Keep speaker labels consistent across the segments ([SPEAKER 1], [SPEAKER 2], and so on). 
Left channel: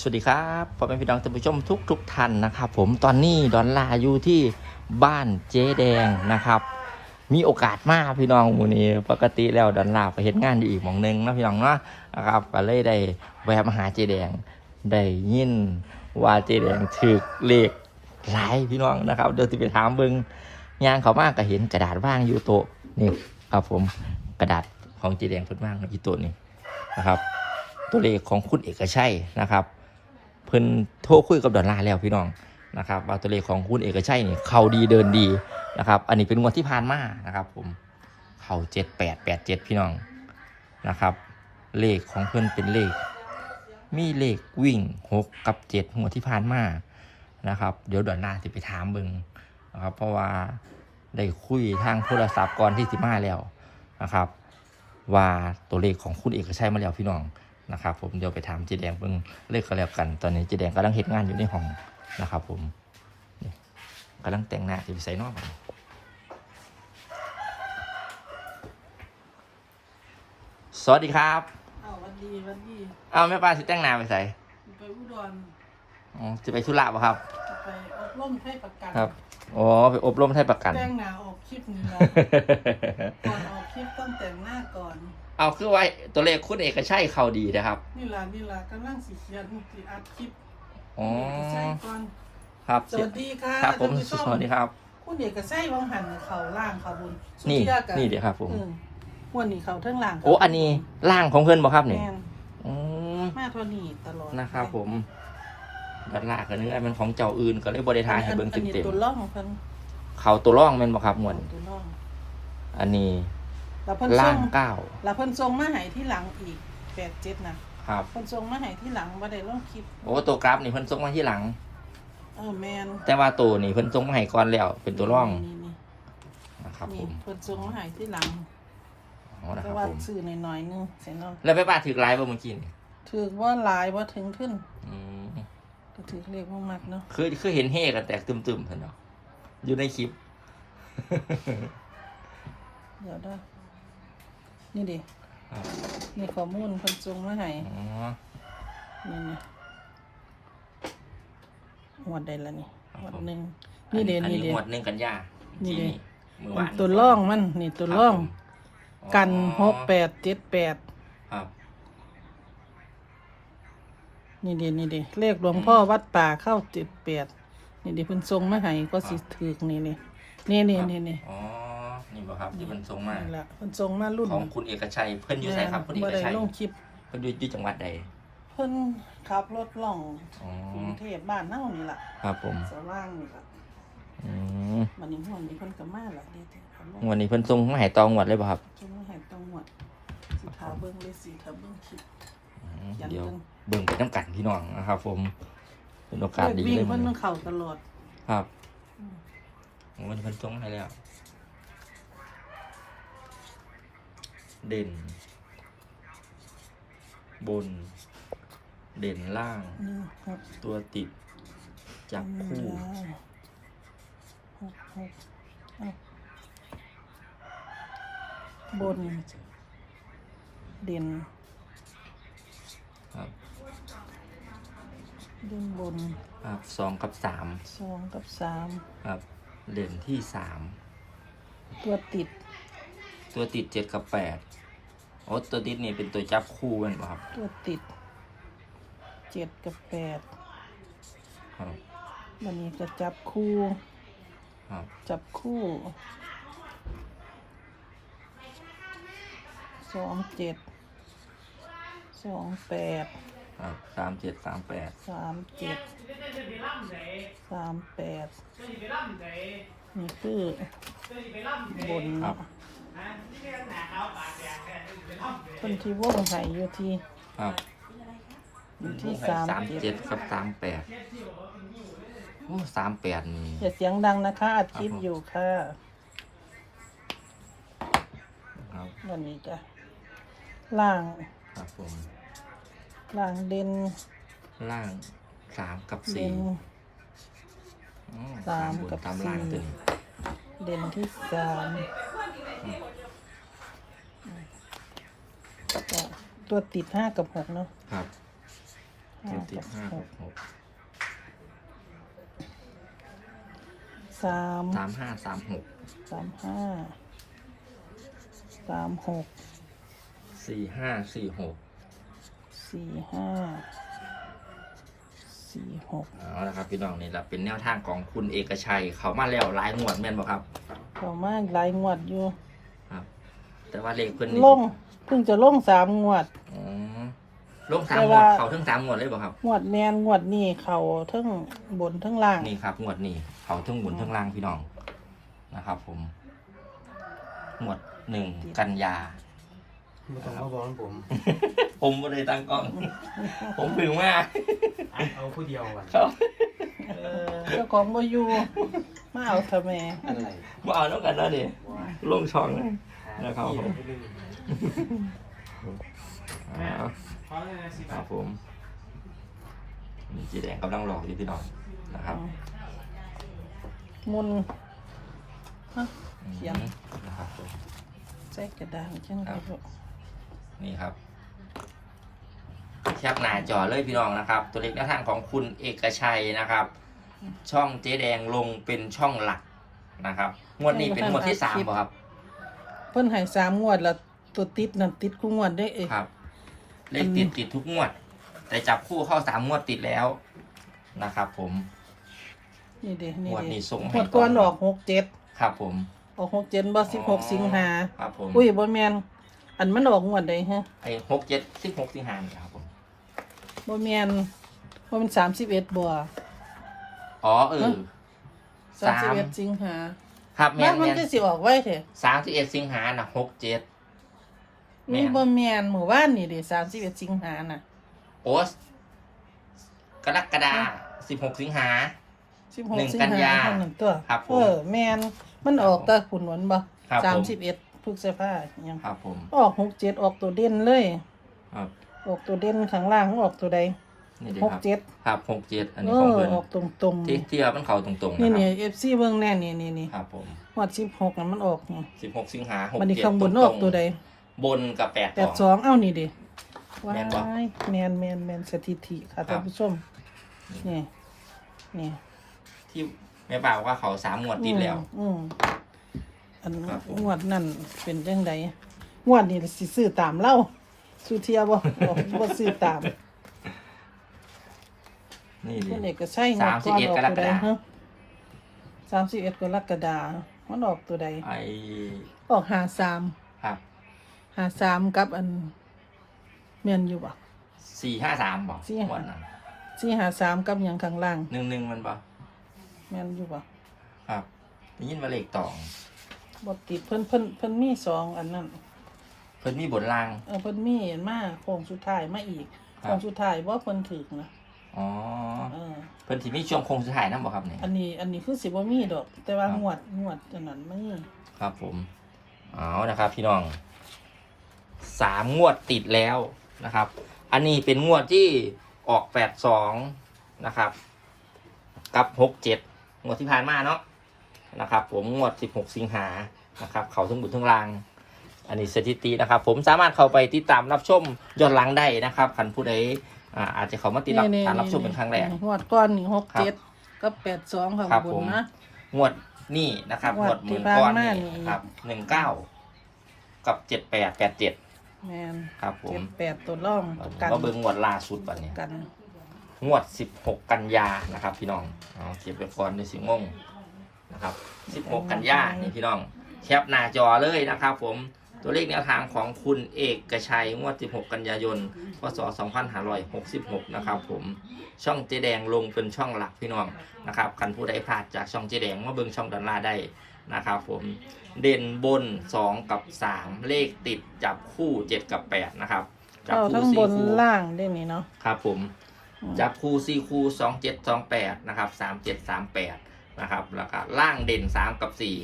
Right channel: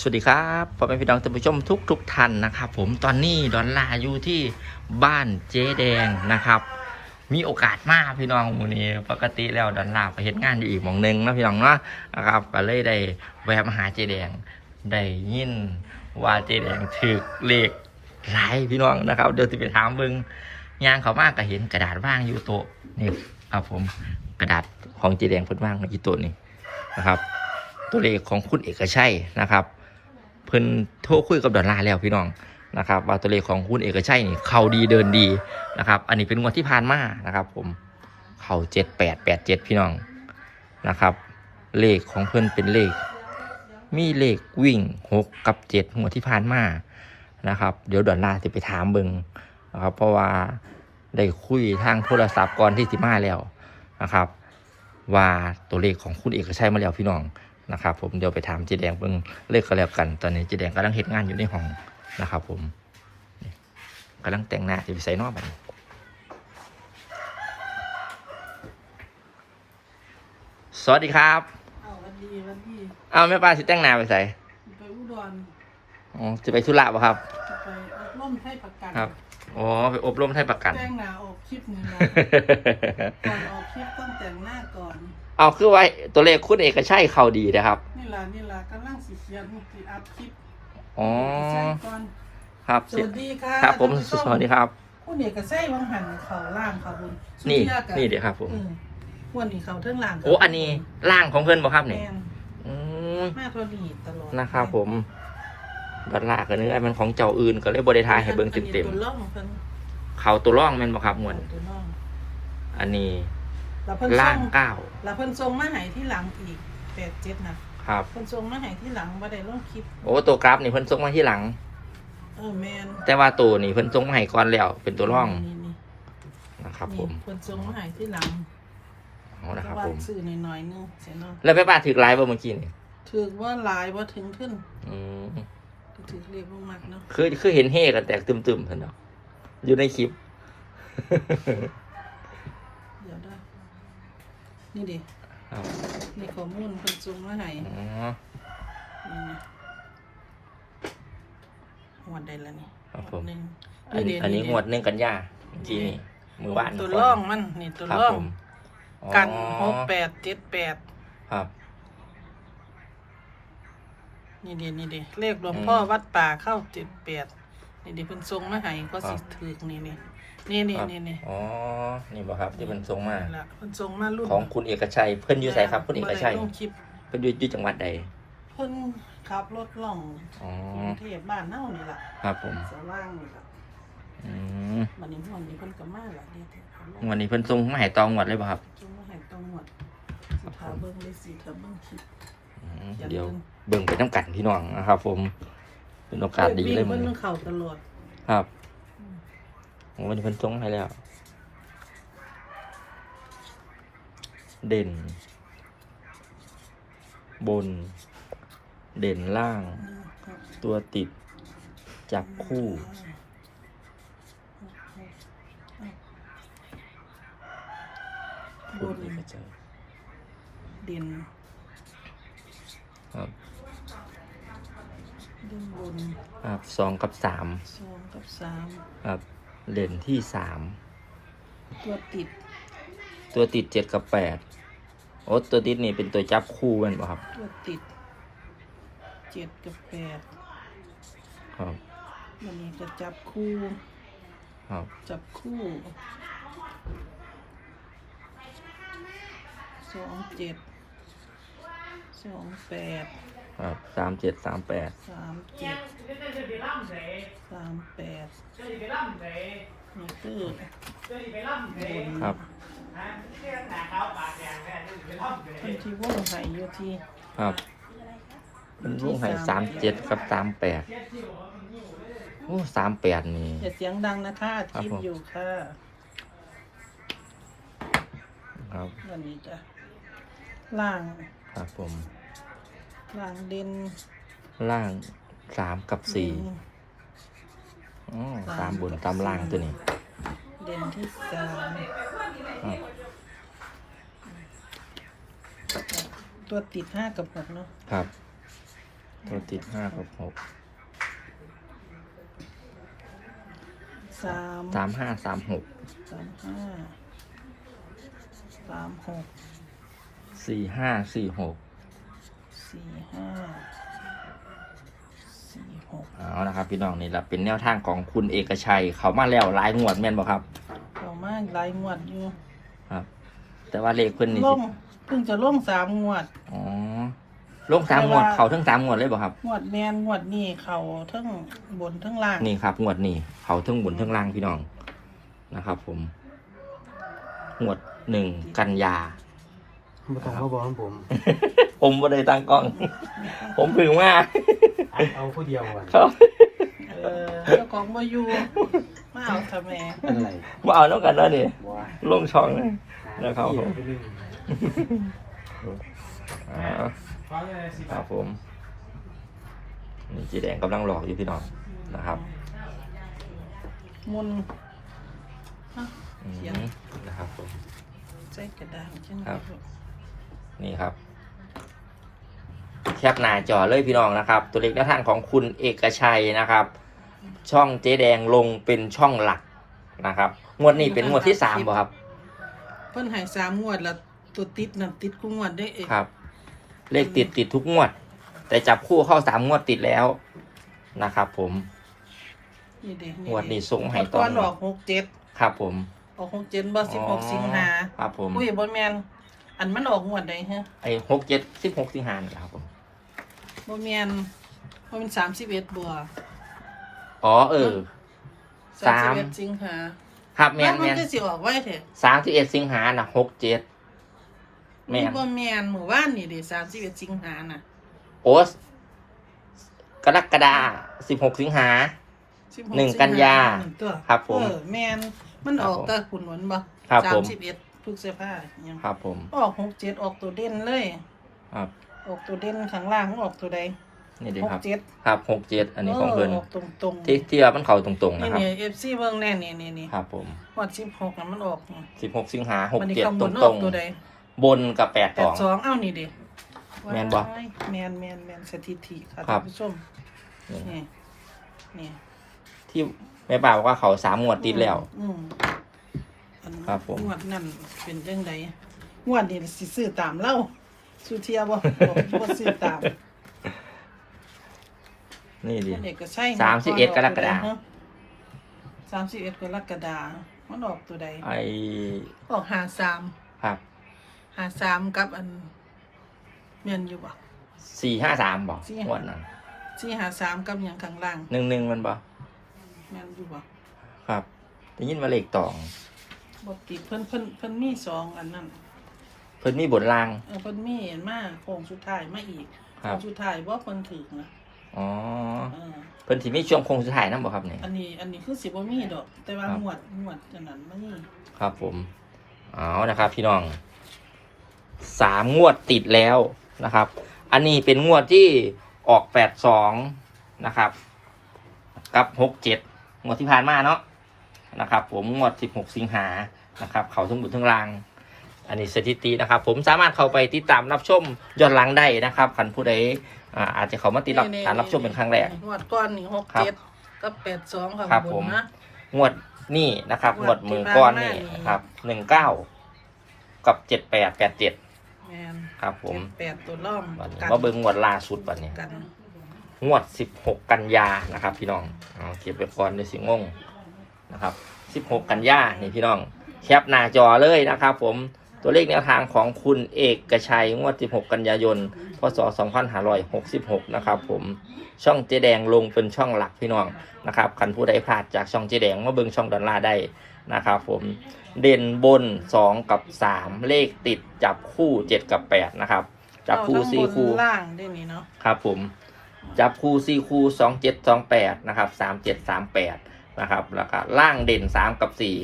[SPEAKER 1] สวัสดีครับพ่อแม่พี่น้องท่านผู้ชมทุกทุกท่านนะครับผมตอนนี้ดอนลาอยู่ที่บ้านเจ๊แดงนะครับ มีโอกาสมากพี่น้องมูนี้ปกติแล้วดอนลาไปเห็นงานอยู่อีกหมองหนึ่งนะพี่น้องเนาะนะครับก็เลยได้แวะมาหาเจ๊แดงได้ยินว่าเจ๊แดงถือเลขหลายพี่น้องนะครับ เดี๋ยวจะไปถามเบิงยางเขามากก็เห็นกระดาษว่างอยู่โต๊ะนี่ครับผมกระดาษของเจ๊แดงเพิ่นว่างอยู่โต๊ะนี่นะครับ ตัวเลขของคุณเอกชัยนะครับ เพิ่นโทรคุยกับดอลลาร์แล้วพี่น้องนะครับว่าตัวเลขของคุณเอกชัยนี่เขาดีเดินดีนะครับ อันนี้เป็นงวดที่ผ่านมานะครับผมเข้าเจ็ดแปดแปดเจ็ดพี่น้องนะครับ เลขของเพิ่นเป็นเลข มีเลขวิ่งหกกับเจ็ดงวดที่ผ่านมานะครับ เดี๋ยวดอลลาร์จะไปถามเบิงนะครับ เพราะว่าได้คุยทางโทรศัพท์ก่อนที่สิมาแล้วนะครับ ว่าตัวเลขของคุณเอกชัยมาแล้วพี่น้อง นะครับผมเดี๋ยวไปถามเจแดงเพิ่งเลขก็แล้วกัน ตอนนี้เจแดงกำลังเฮ็ดงานอยู่ในห้องนะครับ ผมนี่กำลังแต่งหน้าอยู่ใส่นอกบัดนี้สวัสดีครับ
[SPEAKER 2] อ้าววันดีวันดี
[SPEAKER 1] อ้าวแม่ป้าสิแต่งหน้าไปใส่
[SPEAKER 2] ไปอุดร
[SPEAKER 1] อ๋อจะไปธุระป่ะครับ
[SPEAKER 2] จะไปอบรมให้ประกัน
[SPEAKER 1] ครับ อ๋อไปอบรมให้ประกัน
[SPEAKER 2] แจ้งหนาออกคลิปนี้นะก่อนออกคลิปต้องแต่งหน้าก่อน
[SPEAKER 1] เอาคือไว้ตัวเลขคุณเอกชัยเข้าดีนะครับ
[SPEAKER 2] นี่ล่ะนี่ล่ะกำลังสิเขียนสิอัดคลิป
[SPEAKER 1] อ๋อ
[SPEAKER 2] ใช่ก่อน
[SPEAKER 1] ครับ
[SPEAKER 2] สวัสดีค่ะ
[SPEAKER 1] ครับ ผม
[SPEAKER 2] ท่านผู้ช
[SPEAKER 1] สวัสดีครับ
[SPEAKER 2] คุณเอกชัยวังหันเขาล่างเขาบนสุ
[SPEAKER 1] นี่
[SPEAKER 2] เชื่อกั
[SPEAKER 1] นี่เดี๋ยวครับผม
[SPEAKER 2] เออพวกนี้เขาเทิงล่าง
[SPEAKER 1] โอ้อันนี้ร่างของเพื่อนบ่ครับนี่
[SPEAKER 2] แม่น
[SPEAKER 1] อืม
[SPEAKER 2] มาตัวนี้ตลอด
[SPEAKER 1] นะครับผม ดอลลาร์กันนึกว่ามันของเจ้าอื่นก็เลยบริทายให้เบิ่ง
[SPEAKER 2] อันนี้
[SPEAKER 1] เต็ม
[SPEAKER 2] ตัวล่องเพิ่น
[SPEAKER 1] ๆเขาตัวร่องแมันบ่ครับมวน
[SPEAKER 2] ตัวล่อง
[SPEAKER 1] อันนี้
[SPEAKER 2] แล้วเพิ่น
[SPEAKER 1] ล่า
[SPEAKER 2] ส่
[SPEAKER 1] ง
[SPEAKER 2] ง
[SPEAKER 1] เก้า
[SPEAKER 2] แล้วเพิ่นส่งมาให้ที่หลังอีกแปดเจ็ดนะ
[SPEAKER 1] ครับ
[SPEAKER 2] คนทรงมาให้ที่หลังบ่ได้ลงคลิป
[SPEAKER 1] โอ้ตัวกราฟนี่เพิ่นส่งมาที่หลัง
[SPEAKER 2] เออแมน
[SPEAKER 1] แต่ว่าตัวนี่เพิ่นส่งมาให้ก่อนแล้วเป็นตัวร่อง
[SPEAKER 2] นี่นี่
[SPEAKER 1] นะครับ
[SPEAKER 2] นี่
[SPEAKER 1] ผม
[SPEAKER 2] คนทรงมาให้ที่หลัง
[SPEAKER 1] เอานะค
[SPEAKER 2] แต่
[SPEAKER 1] รับ
[SPEAKER 2] ว่า
[SPEAKER 1] ผม
[SPEAKER 2] ซื้อหน่อยๆนึงเสียเนาะ
[SPEAKER 1] แล้วแม่ป้าถือไลฟ์บ่เมื่อกี้นี่
[SPEAKER 2] ถือว่าหลายบ่ถึงขึ้น
[SPEAKER 1] อืม
[SPEAKER 2] ถือเลขบ่มากเนาะ
[SPEAKER 1] คือคือเห็นเฮกันแตกตึมๆเพิ่นเนาะอยู่ในคลิป
[SPEAKER 2] เดี๋ยวเด้อนี่ดิ
[SPEAKER 1] ครับ
[SPEAKER 2] นี่ข้อมูลคนทรงมาให้
[SPEAKER 1] อ๋อ
[SPEAKER 2] นี่นี่หมดได้แล้วนี่
[SPEAKER 1] ครับผม
[SPEAKER 2] หนึ่ง
[SPEAKER 1] อันนี้
[SPEAKER 2] เด้
[SPEAKER 1] อันนี้
[SPEAKER 2] เด้
[SPEAKER 1] งวดหนึ่งกันยาเมื่อกี้นี่มือวาน
[SPEAKER 2] ตัวร่องมันนี่ตัว
[SPEAKER 1] ครับ
[SPEAKER 2] ร่อง
[SPEAKER 1] ผมอ๋อ
[SPEAKER 2] กันหกแปดเจ็ดแปด
[SPEAKER 1] ครับ
[SPEAKER 2] นี่ดินี่ดิเลขหลวงพ่อวัดป่าเข้าเจ็ดแปดนี่ดิเพิ่นทรงมาให้ก็สิถือนี่นี่นี่นี่
[SPEAKER 1] ครับ
[SPEAKER 2] นี่นี่
[SPEAKER 1] อ๋อ นี่บ่ครับที่มันส่งมา
[SPEAKER 2] นั่นล่ะเพิ่นทรงมารุ่น
[SPEAKER 1] ของคุณเอกชัย เพิ่นอยู่ไสครับคุณเอกชัย
[SPEAKER 2] บ่ได้ลงคลิป
[SPEAKER 1] เพิ่นอยู่อยู่จังหวัดใด
[SPEAKER 2] เพิ่นขับรถล่อง
[SPEAKER 1] อ๋อ
[SPEAKER 2] กรุงเทพบ้านเฮานี่ล่ะ
[SPEAKER 1] ครับผม
[SPEAKER 2] สว่างนี่ล่ะ
[SPEAKER 1] อืม
[SPEAKER 2] บัดนี้ม่วนนี้เพิ่นก็มาล่ะเด้ที่เขาลง
[SPEAKER 1] วันนี้เพิ่นส่งมาให้ตองงวดเลยบ่ครับ
[SPEAKER 2] จงมาให้ต้องหมดสิถาเบิ่งเลยสิถาเบิ่งคลิป
[SPEAKER 1] อืม เดี๋ยวเบิ่งไปน้ำกันพี่น้องนะครับ ผมเป็นโอกาสดี
[SPEAKER 2] วิ่ง
[SPEAKER 1] เลย
[SPEAKER 2] เพิ่
[SPEAKER 1] มัน
[SPEAKER 2] นเข้าตลอด
[SPEAKER 1] ครับโอ้วันนี้เพิ่นส่งให้แล้ว เด่น บน เด่นล่าง
[SPEAKER 2] ครับ
[SPEAKER 1] ตัวติด จับคู่
[SPEAKER 2] บน
[SPEAKER 1] ไม่เจอ
[SPEAKER 2] เด่น
[SPEAKER 1] ครับ
[SPEAKER 2] เด่นบน
[SPEAKER 1] ครับสองกับสาม
[SPEAKER 2] สองกับสาม
[SPEAKER 1] ครับเด่นที่สาม
[SPEAKER 2] ตัวติด
[SPEAKER 1] ตัวติดเจ็ดกับแปดโอ้ตัวติดนี่เป็นตัวจับคู่แมันป่ะครับ
[SPEAKER 2] ตัวติดเจ็ดกับแปด
[SPEAKER 1] ครับ
[SPEAKER 2] วันนี้จะจับคู่
[SPEAKER 1] ครับ
[SPEAKER 2] จับคู่สองเจ็ดสองแปด
[SPEAKER 1] ครับสามเจ็ดสามแปด
[SPEAKER 2] สามเจ็ดสามแปดนี่คือบน
[SPEAKER 1] ครับ
[SPEAKER 2] คนที่วงไห่อยู่ที่
[SPEAKER 1] ครับลูกให้สามเจ็ดกับสามแปดโอ้สามแปดนี่
[SPEAKER 2] อย่าเสียงดังนะคะอัดคลิป
[SPEAKER 1] ครับผม
[SPEAKER 2] อยู่ค่ะ
[SPEAKER 1] ครับ
[SPEAKER 2] วันนี้จ้ะล่าง
[SPEAKER 1] ครับผม
[SPEAKER 2] ล่างเด่น
[SPEAKER 1] ล่างสามกับสี่
[SPEAKER 2] เด่น
[SPEAKER 1] อ๋อ
[SPEAKER 2] สาม
[SPEAKER 1] ตามบน
[SPEAKER 2] กับ
[SPEAKER 1] ตามล่าง
[SPEAKER 2] สี่
[SPEAKER 1] ตัวนี้
[SPEAKER 2] เด่นที่สาม
[SPEAKER 1] ครับ
[SPEAKER 2] ตัวติดห้ากับหกเนาะ
[SPEAKER 1] ครับ
[SPEAKER 2] ห
[SPEAKER 1] ตัวติดห้ากับหก
[SPEAKER 2] สาม
[SPEAKER 1] สามห้าสามหก
[SPEAKER 2] สามห้าสามหก
[SPEAKER 1] สี่ห้าสี่หก
[SPEAKER 2] สี่ห้าสี่หก
[SPEAKER 1] เอาละครับพี่น้องนี่แหละเป็นแนวทางของคุณเอกชัย เขามาแล้วหลายงวดแม่นบ่ครับ
[SPEAKER 2] เดี๋ยวมาหลายงวดอยู่
[SPEAKER 1] ครับ แต่ว่าเลขเพิ่นนี่
[SPEAKER 2] ล
[SPEAKER 1] สิ
[SPEAKER 2] งเพิ่งจะลงสามงวด
[SPEAKER 1] อ๋อลงสามงวดเขาทั้งสามงวดเลยบ่ครับ
[SPEAKER 2] งวดแมนงวดนี่เขาทั้งบนทั้งล่าง
[SPEAKER 1] นี่ครับงวดนี้เขาทั้งบนทั้งล่างพี่น้องนะครับ ผมงวดหนึ่งกันยา
[SPEAKER 3] ไม่ต้องมาบอกผม
[SPEAKER 1] ผมบ่ได้ตั้งกล้อง ผมพึ่งมา
[SPEAKER 3] อัดเอาผู้เดียวอะ
[SPEAKER 1] ครับ
[SPEAKER 2] เออเจ้าของมาอยู่มาเอาทำไม
[SPEAKER 3] อะไร
[SPEAKER 1] มาเอาแล้วกันแล้วนี่ลงช่องเลยนะครับผม
[SPEAKER 3] เรื่อง
[SPEAKER 1] อ่าครับผมนี่จีแดงกำลังหลอกอยู่พี่น้องนะครับ
[SPEAKER 2] มุนฮะ
[SPEAKER 1] อืมนะครับผม
[SPEAKER 2] ใส่กระดาษจัง
[SPEAKER 1] ครับ นี่ครับ แคปหน้าจอเลยพี่น้องนะครับ ตัวเลขหน้าทางของคุณเอกชัยนะครับ ช่องเจ๊แดงลงเป็นช่องหลักนะครับ งวดนี้เป็นงวดที่สามบ่ครับ
[SPEAKER 2] เพิ่นให้สามงวดแล้วตัวติดนั่นติดกูงวดได้เอง
[SPEAKER 1] ครับ เลขติดติดทุกงวด แต่จับคู่เข้าสามงวดติดแล้วนะครับผม
[SPEAKER 2] นี่เด้
[SPEAKER 1] งวดนี้ส่งให้
[SPEAKER 2] ให้
[SPEAKER 1] ต่
[SPEAKER 2] ต
[SPEAKER 1] อ
[SPEAKER 2] อนออกหกเจ็ด
[SPEAKER 1] ครับผม
[SPEAKER 2] ออกหกเจ็ดบ่สิบหกสิงหา
[SPEAKER 1] ครับผม
[SPEAKER 2] อุ้ยบ่แมน อันมันออกงวดใดฮะ
[SPEAKER 1] ไอ้หกเจ็ดสิบหกสิงหาคมครับผม
[SPEAKER 2] บ่แมนบ่มันสามสิบเอ็ดบ่
[SPEAKER 1] อ๋อเออ
[SPEAKER 2] สาม สิบ
[SPEAKER 1] สาม
[SPEAKER 2] เอ็ดสิงหา
[SPEAKER 1] ครับแม
[SPEAKER 2] มันน
[SPEAKER 1] แม
[SPEAKER 2] มัน
[SPEAKER 1] น
[SPEAKER 2] ก็สิออกไว้เถอะ
[SPEAKER 1] สามสิบเอ็ดสิงหาน่ะหกเจ็ดแม
[SPEAKER 2] นี่
[SPEAKER 1] น
[SPEAKER 2] บ่แมนหมู่บ้านนี่ดิสามสิบเอ็ดสิงหาน่ะ
[SPEAKER 1] โอ๊สกรกฎาสิบหกสิงหา
[SPEAKER 2] 16
[SPEAKER 1] หนึ่งกันยา
[SPEAKER 2] สิงหนั่นตัว
[SPEAKER 1] ครับผม
[SPEAKER 2] เออแมนมันออก
[SPEAKER 1] ครับผม
[SPEAKER 2] แต่ขุนหวนบ่
[SPEAKER 1] ครับ
[SPEAKER 2] สา
[SPEAKER 1] ผมม
[SPEAKER 2] สิบเอ็ด พฤษภายัง
[SPEAKER 1] ครับผม
[SPEAKER 2] ออกหกเจ็ดออกตัวเด่นเลย
[SPEAKER 1] ครับ
[SPEAKER 2] ออกตัวเด่นข้างล่างออกตัวใด
[SPEAKER 1] นี่ดี
[SPEAKER 2] หก
[SPEAKER 1] ครับ
[SPEAKER 2] เจ็ด
[SPEAKER 1] ครับหกเจ็ดอันนี้ของเพิ่น
[SPEAKER 2] ออกตรงตรงๆ
[SPEAKER 1] ที่ที่ว่ามันเข่าตรงๆ
[SPEAKER 2] นี่
[SPEAKER 1] นะครับ
[SPEAKER 2] นี่เอฟซีเบิ่งแน่นี่นี่นี่
[SPEAKER 1] ครับผม
[SPEAKER 2] หอดสิบหกนั่นมันออกนี่
[SPEAKER 1] สิบหกสิงหาหก
[SPEAKER 2] มันนี่
[SPEAKER 1] เจ็ด
[SPEAKER 2] ข้างบ
[SPEAKER 1] ตร
[SPEAKER 2] น
[SPEAKER 1] ง
[SPEAKER 2] อ
[SPEAKER 1] ตร
[SPEAKER 2] อก
[SPEAKER 1] ง
[SPEAKER 2] ตัวใดแป
[SPEAKER 1] สอ
[SPEAKER 2] ด
[SPEAKER 1] ง
[SPEAKER 2] สองเอ้านี่ดิ
[SPEAKER 1] แม่นบ่
[SPEAKER 2] ว้ายแมนแมนแมนสถิติค่ะ
[SPEAKER 1] ครั
[SPEAKER 2] ท่า
[SPEAKER 1] บ
[SPEAKER 2] นผู้ชมนี่นี่
[SPEAKER 1] ที่แม่ป่าบอกว่าเขาสามงวดติดแล้ว
[SPEAKER 2] อืมอั น
[SPEAKER 1] ครับผม
[SPEAKER 2] งวดนั่นเป็นจังไดงวดนี่สิซื้อตามเล่าสุเทียบ่ บ่บ่ซื้อตาม
[SPEAKER 1] นี่ดิ
[SPEAKER 2] นี่ก็ใช่
[SPEAKER 1] สามสิบเอ็ดกรกฎาคม
[SPEAKER 2] สามสิบเอ็ดกรกฎาคมมันออกตัวใด
[SPEAKER 1] ไอ
[SPEAKER 2] ออกหาสาม
[SPEAKER 1] ครับ
[SPEAKER 2] หาสามกับอันเมียนอยู่บ่
[SPEAKER 1] สี่ห้าสามบอก
[SPEAKER 2] สี่
[SPEAKER 1] งวดนั้น
[SPEAKER 2] สี่หาสามกับหยังข้างล่าง
[SPEAKER 1] หนึ่งหนึ่งมันบ่
[SPEAKER 2] เมียนอยู่บ่
[SPEAKER 1] ครับได้ยินว่าเลขตอง
[SPEAKER 2] บ่ติดเพิ่นเพิ่นเพิ่นมีสองอันนั้น
[SPEAKER 1] เพิ่นมีบทลาง
[SPEAKER 2] เออเพิ่นมีอันมาโค้งสุดท้ายมาอีก
[SPEAKER 1] ครั
[SPEAKER 2] โค้
[SPEAKER 1] บ
[SPEAKER 2] งสุดท้ายว่าเพิ่นถึกนะ
[SPEAKER 1] อ๋อ
[SPEAKER 2] เออ
[SPEAKER 1] เพิ่นสิมีช่วงโค้งสุดท้ายนํบ่ครับนี่
[SPEAKER 2] อันนี้อันนี้คือสิบ่มีดอก แต่ว่า
[SPEAKER 1] ครับ
[SPEAKER 2] งวดงวดอันนั้นมันมี
[SPEAKER 1] ครับผม เอานะครับ พี่น้อง สามงวดติดแล้วนะครับ อันนี้เป็นงวดที่ออกแปดสองนะครับ กับหกเจ็ดงวดที่ผ่านมาเนาะนะครับ ผมงวดสิบหกสิงหา นะครับ เขาทั้งบุญทั้งราง อันนี้สถิตินะครับ ผมสามารถเข้าไปติดตามรับชมย้อนหลังได้นะครับคันผู้ใดอ่าอาจจะเขามาติดรับ
[SPEAKER 2] นี่ๆ
[SPEAKER 1] การรับชมเป็นครั้งแรก
[SPEAKER 2] งวดก้อนนี่หก
[SPEAKER 1] ครับ
[SPEAKER 2] เจ็ดกับแปดสองค่ะ
[SPEAKER 1] ครับ
[SPEAKER 2] บ
[SPEAKER 1] ผม
[SPEAKER 2] นนะ
[SPEAKER 1] งวดนี่นะครับ
[SPEAKER 2] ง
[SPEAKER 1] ง
[SPEAKER 2] ว
[SPEAKER 1] ว
[SPEAKER 2] ด
[SPEAKER 1] ด
[SPEAKER 2] ที่
[SPEAKER 1] มือก้อนนี่
[SPEAKER 2] ผ่านมานี่
[SPEAKER 1] ครับหนึ่งเก้ากับเจ็ดแปดแปดเจ็ด
[SPEAKER 2] แม่น
[SPEAKER 1] ครับผม
[SPEAKER 2] เจ็ดแปดตัวร่อง
[SPEAKER 1] วันนี้
[SPEAKER 2] กัน
[SPEAKER 1] มาเบิ่งงวดล่าสุดวันนี้
[SPEAKER 2] กัน
[SPEAKER 1] งวดสิบหกกันยา นะครับ พี่น้องเอาเก็บไปก่อนในสิงงนะครับสิบหกกันยา นี่พี่น้อง แคปหน้าจอเลยนะครับผมตัวเลขแนวทางของคุณเอกชัยงวด 16 กันยายน พศ 2566 นะครับผม ช่องเจแดงลงเป็นช่องหลักพี่น้องนะครับคันผู้ใดพลาดจากช่องเจแดงมาเบิ่งช่องดอลลาร์ได้นะครับผม เด่นบน 2 กับ 3 เลขติดจับคู่ 7 กับ 8 นะครับ จับคู่
[SPEAKER 2] เอาทั้ง
[SPEAKER 1] 4คู่
[SPEAKER 2] บนล่างได้นี่เนาะ
[SPEAKER 1] ครับผม จับคู่สี่คู่สองเจ็ดสองแปดนะครับสามเจ็ดสามแปดนะครับ แล้วก็ล่างเด่นสามกับสี่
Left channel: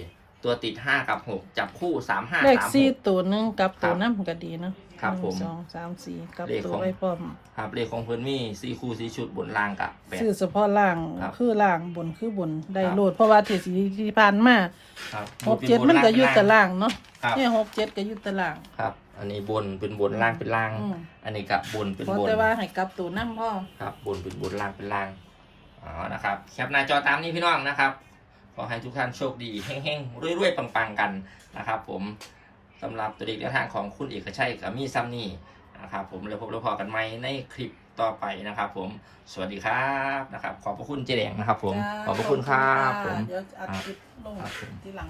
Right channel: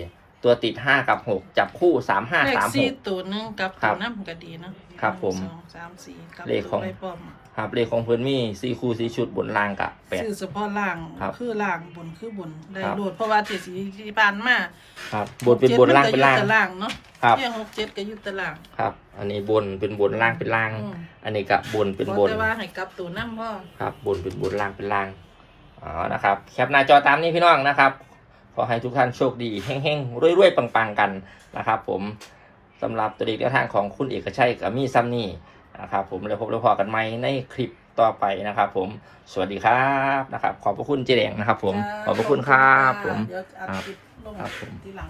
[SPEAKER 1] ตัวติดห้ากับหกจับคู่สามห้า
[SPEAKER 2] เลข
[SPEAKER 1] สามห
[SPEAKER 2] สี่
[SPEAKER 1] ก
[SPEAKER 2] ตัวหนึงกับ
[SPEAKER 1] ครั
[SPEAKER 2] ตัว
[SPEAKER 1] บ
[SPEAKER 2] น้ำก็ดีเนาะ
[SPEAKER 1] ครับผม
[SPEAKER 2] หนึ่งสองสามสี่กับ
[SPEAKER 1] เลขของ
[SPEAKER 2] ตัวไว้พร้อม
[SPEAKER 1] ครับเลขของเพื่อนมีสี่คู่สี่ชุดบนล่างกับแปด
[SPEAKER 2] ชื่อเฉพาะล่าง
[SPEAKER 1] ครับ
[SPEAKER 2] คือล่างบนคือบนได้
[SPEAKER 1] ครับ
[SPEAKER 2] โลดเพราะว่าที่สีที่ผ่านมา
[SPEAKER 1] ครับบนเป็นบนล่างเป็นล่าง
[SPEAKER 2] หกจ็ดมัก็อยู่แต่ล่างเนาะ
[SPEAKER 1] ครับ
[SPEAKER 2] เนี่ยหกเจ็ดก็อยู่แต่ล่าง
[SPEAKER 1] ครับ อันนี้บนเป็นบนล่างเป็นล่าง
[SPEAKER 2] อืม
[SPEAKER 1] อันนี้กับบนเป็นบน
[SPEAKER 2] แต่ว่าให้กลับตัวน้ำพ่อ
[SPEAKER 1] ครับบนเป็นบนล่างเป็นล่างอ๋อนะครับ แคปหน้าจอตามนี้พี่น้องนะครับ ขอให้ทุกท่านโชคดีเฮ้งๆรวยๆปังๆกันนะครับ ผมสำหรับตัวเด็กแนวทางของคุณเอกชัยกับมี่ซัมนี่นะครับผมแล้วพบแล้วพอกันไหมในคลิปต่อไปนะครับ ผมสวัสดีครับนะครับ ขอบพระคุณเจแดงนะครับ ผม
[SPEAKER 2] จ้า
[SPEAKER 1] ขอบพระคุณครับผม
[SPEAKER 2] เดี๋ยวอัดคลิปลง
[SPEAKER 1] ครับผม
[SPEAKER 2] ทีหลัง